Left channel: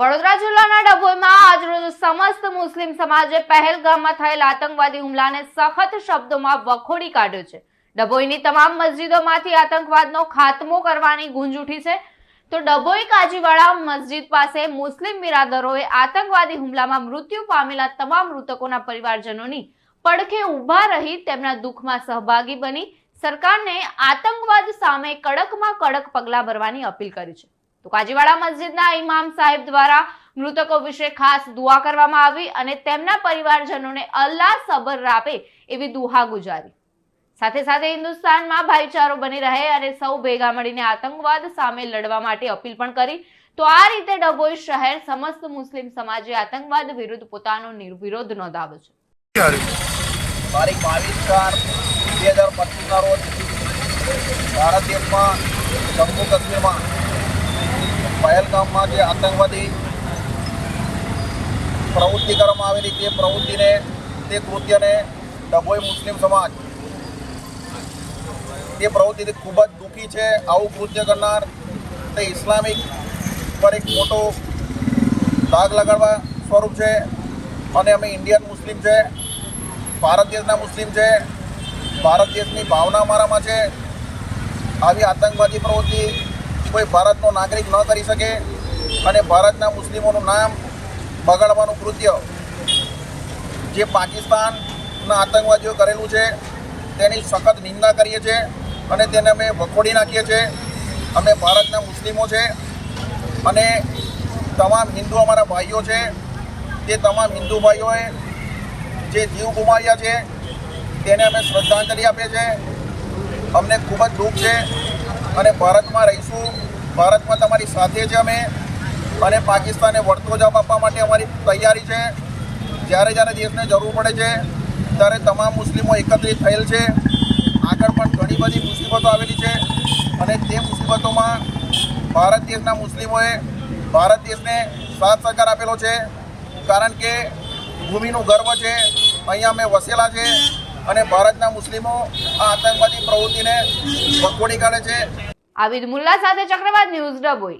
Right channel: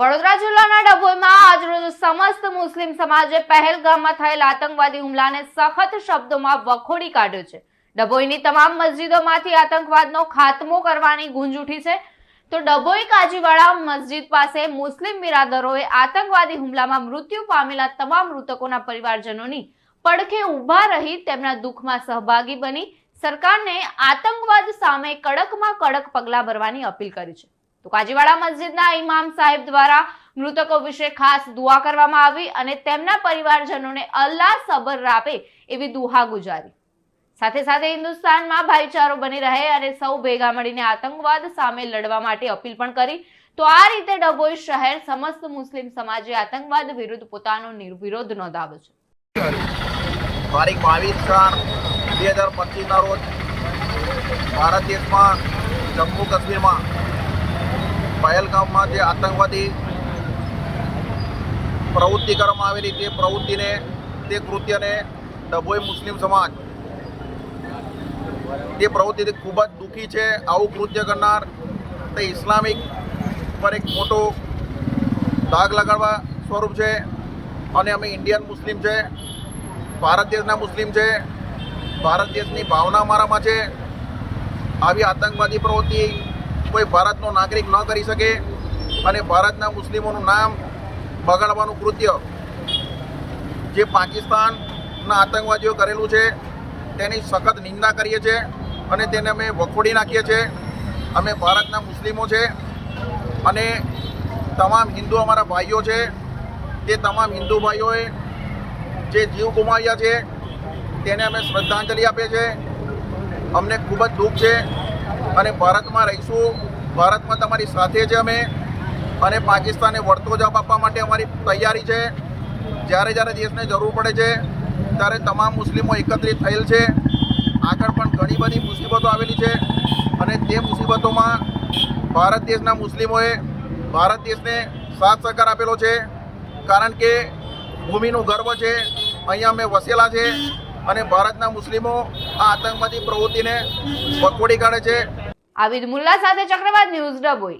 વડોદરા જિલ્લાના ડભોઈમાં આજરોજ સમસ્ત મુસ્લિમ સમાજે પહેલગામમાં થયેલ આતંકવાદી હુમલાને સખત શબ્દોમાં વખોડી કાઢ્યો છે. ડભોઈની તમામ મસ્જિદોમાંથી આતંકવાદનો ખાત્મો કરવાની ગુંજ ઉઠી છે. તો ડભોઈ કાજીવાડા મસ્જિદ પાસે મુસ્લિમ બિરાદરોએ આતંકવાદી હુમલામાં મૃત્યુ પામેલા તમામ મૃતકોના પરિવારજનોની પડખે ઊભા રહી તેમના દુઃખમાં સહભાગી બની. સરકારને આતંકવાદ સામે કડકમાં કડક પગલાં ભરવાની અપીલ કરી છે. તો કાજીવાડા મસ્જિદના ઇમામ સાહેબ દ્વારા મૃતકો વિશે ખાસ દુઆ કરવામાં આવી અને તેમના પરિવારજનોને અલ્લાહ સબર આપે એવી દુહા ગુજારી. સાથે સાથે હિન્દુસ્તાનમાં ભાઈચારો બની રહે અને સૌ ભેગા મળીને આતંકવાદ સામે લડવા માટે અપીલ પણ કરી, તો આ રીતે ડભોઈ શહેર સમસ્ત મુસ્લિમ સમાજે આતંકવાદ વિરુદ્ધ પોતાનો નિર્વિરોધ નોંધાવ્યો છે. તારીખ બાવીસ ચાર બે હજાર પચીસના રોજ ભારત દેશમાં જમ્મુ કાશ્મીરમાં પહેલગામમાં જે આતંકવાદી પ્રવૃત્તિ કરવામાં આવેલી તે પ્રવૃત્તિને, તે કૃત્યને ડભોઈ મુસ્લિમ સમાજ તે પ્રવૃત્તિથી ખૂબ જ દુઃખી છે. આવું કૃત્ય કરનાર તે ઇસ્લામિક પર એક મોટો દાગ લગાડવા સ્વરૂપ છે અને અમે ઇન્ડિયન મુસ્લિમ છે, ભારત દેશના મુસ્લિમ છે, ભારત દેશની ભાવના અમારામાં છે. આવી આતંકવાદી પ્રવૃત્તિ કોઈ ભારતનો નાગરિક ન કરી શકે અને ભારતના મુસ્લિમોનું નામ બગાડવાનું કૃત્ય જે પાકિસ્તાનના આતંકવાદીઓ કરેલું છે, તેની સખત નિંદા કરીએ છીએ અને તેને અમે વખોડી નાખીએ છીએ. અમે ભારતના મુસ્લિમો છે અને તમામ હિન્દુ અમારા ભાઈઓ છે. તે તમામ હિન્દુ ભાઈઓએ જે જીવ ગુમાવ્યા છે, તેને અમે શ્રદ્ધાંજલિ આપીએ છીએ. અમને ખૂબ જ દુઃખ છે અને ભારતમાં રહીશું. ભારતમાં તમારી સાથે છે અમે અને પાકિસ્તાને વળતો જવાબ આપવા માટે અમારી તૈયારી છે. જ્યારે જ્યારે દેશને જરૂર પડે છે, ત્યારે તમામ મુસ્લિમો એકત્રિત થયેલ છે. આગળ પણ ઘણી બધી મુસીબતો આવેલી છે અને તે મુસીબતોમાં ભારત દેશના મુસ્લિમોએ ભારત દેશને સાથ સહકાર આપેલો છે. કારણ કે ભૂમિનું ગર્વ છે. અહીંયા અમે વસેલા છે અને ભારતના મુસ્લિમો આ આતંકવાદી પ્રવૃત્તિને વખોડી કાઢે છે. આબિદ મુલ્લા સાથે ચક્રવાત ન્યૂઝ ડભોઈ.